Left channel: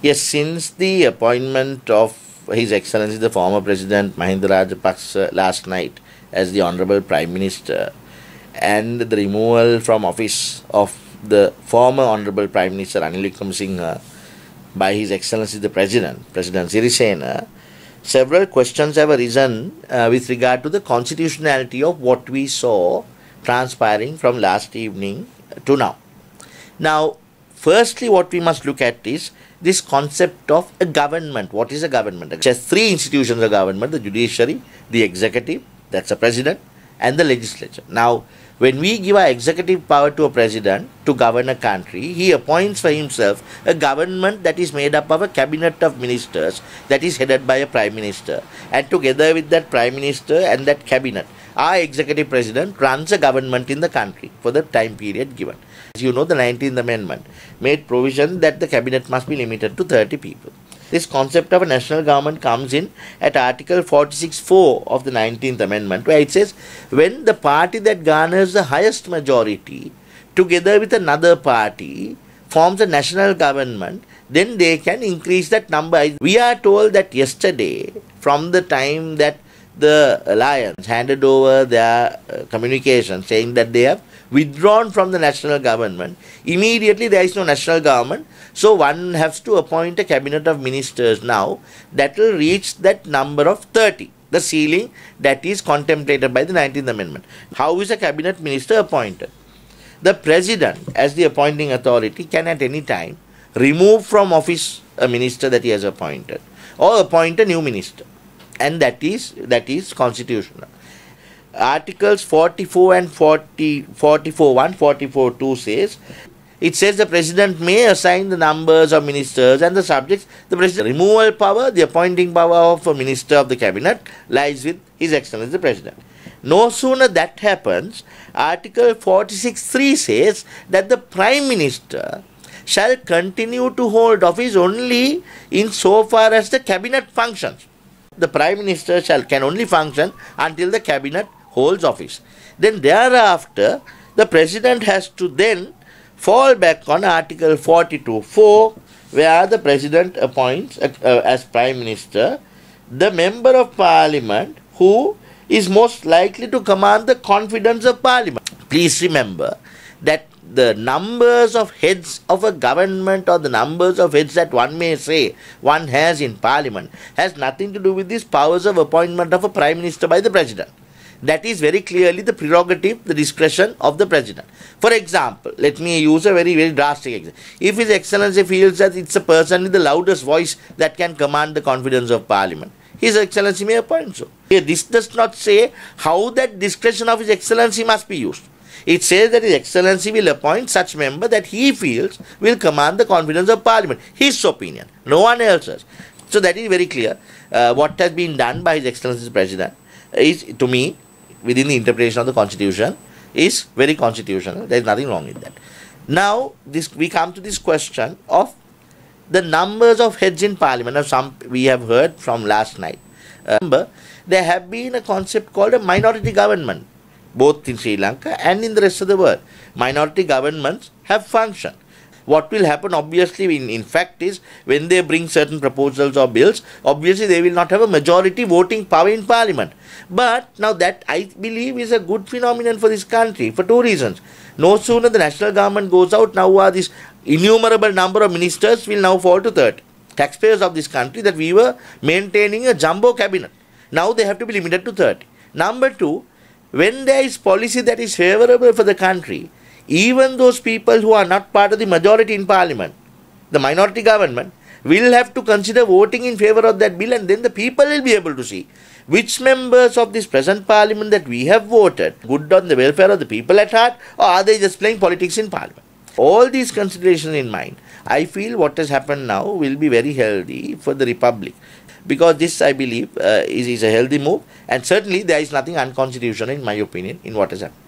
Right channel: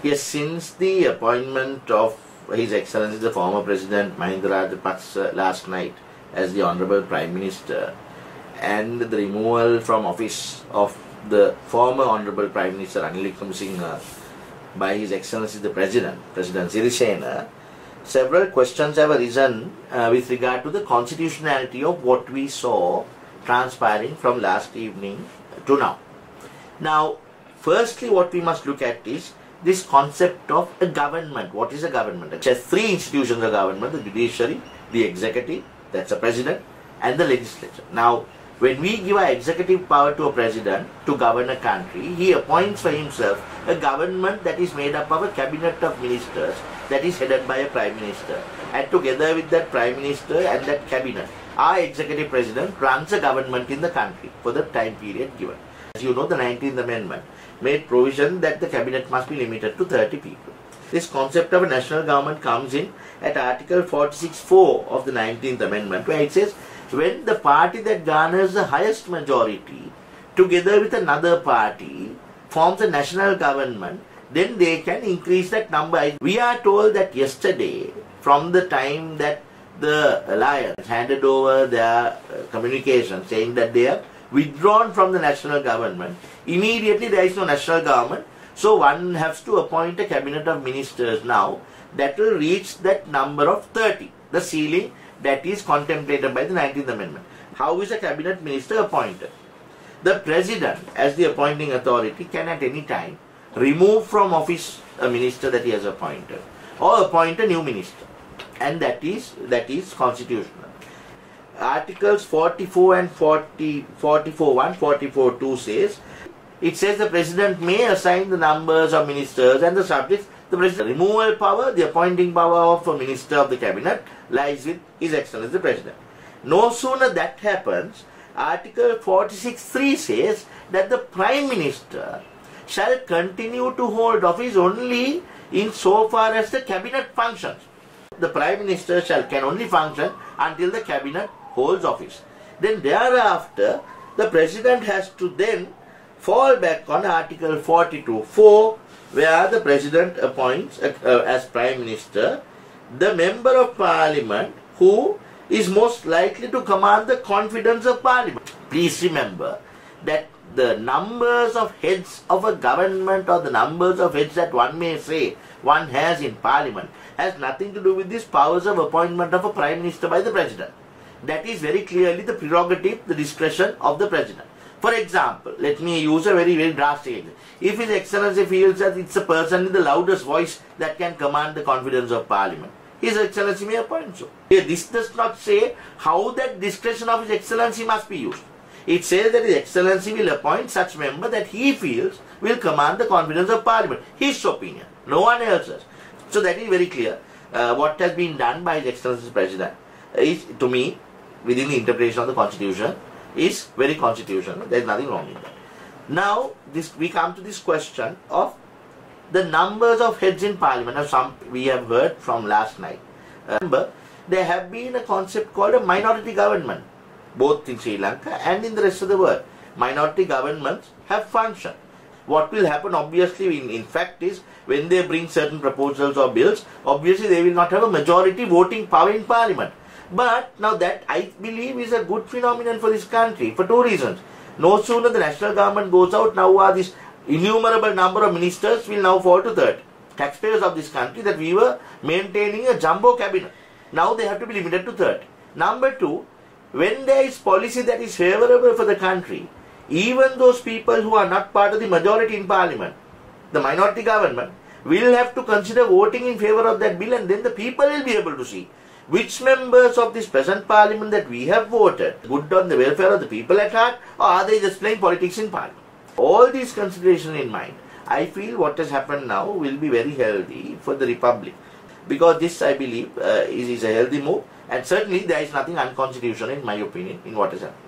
Yes, since the appointment of His Excellency the former President Mahinda Rajapaksa last night as the Honorable Prime Minister and the removal from office of the former Honorable Prime Minister Ranil Wickremesinghe by His Excellency the President Sirasa, several questions have arisen with regard to the constitutionality of what we saw transpiring from last evening to now. Now, firstly, what we must look at is this concept of a government. What is a government? There are three institutions of government: the judiciary, the executive, that's a president, and the legislature. Now, when we give our executive power to a president to govern a country, he appoints for himself a government that is made up of a cabinet of ministers that is headed by a prime minister. And together with that prime minister and that cabinet, our executive president runs a government in the country for the time period given. As you know, the 19th Amendment made provision that the cabinet must be limited to 30 people. This concept of a national government comes in at Article 46(4) of the 19th Amendment, where it says, when the party that garners the highest majority together with another party forms a national government, then they can increase that number. We are told that yesterday, from the time that the alliance handed over their communication saying that they have withdrawn from the national government, immediately there is no national government. So one has to appoint a cabinet of ministers now that will reach that number of 30, the ceiling that is contemplated by the 19th Amendment. How is a cabinet minister appointed? The president, as the appointing authority, can at any time remove from office a minister that he has appointed or appoint a new minister, and that is constitutional. Articles 44 and 44(1), 44(2) says, it says the president may assign the numbers of ministers and the subjects. The president removal power, the appointing power of a minister of the cabinet lies with His Excellency the President. No sooner that happens, Article 46(3) says that the Prime Minister shall continue to hold office only in so far as the cabinet functions. The Prime Minister can only function until the cabinet holds office. Then thereafter, the President has to then fall back on Article 42(4), where the President appoints as Prime Minister the Member of Parliament who is most likely to command the confidence of Parliament. Please remember that the numbers of heads of a government or the numbers of heads that one may say one has in Parliament has nothing to do with these powers of appointment of a Prime Minister by the President. That is very clearly the prerogative, the discretion of the President. For example, let me use a very, very drastic example. If His Excellency feels that it's a person with the loudest voice that can command the confidence of Parliament, His Excellency may appoint so. Here, this does not say how that discretion of His Excellency must be used. It says that His Excellency will appoint such member that he feels will command the confidence of Parliament. His opinion, no one else's. So that is very clear. What has been done by His Excellency the President is, to me, within the interpretation of the Constitution, is very constitutional. There is nothing wrong with that. Now, we come to this question of the numbers of heads in Parliament. Now, some we have heard from last night. Remember, there have been a concept called a minority government, both in Sri Lanka and in the rest of the world. Minority governments have functioned. What will happen, obviously, in fact, is when they bring certain proposals or bills, obviously they will not have a majority voting power in Parliament. But now that, I believe, is a good phenomenon for this country for two reasons. No sooner the national government goes out, now this innumerable number of ministers will now fall to 30. Taxpayers of this country, that we were maintaining a jumbo cabinet. Now they have to be limited to 30. Number two, when there is policy that is favorable for the country, even those people who are not part of the majority in Parliament, the minority government, will have to consider voting in favor of that bill, and then the people will be able to see which members of this present Parliament that we have voted good on the welfare of the people at heart, or are they just playing politics in Parliament. All these considerations in mind, I feel what has happened now will be very healthy for the Republic, because this, I believe, is a healthy move, and certainly there is nothing unconstitutional, in my opinion, in what has happened.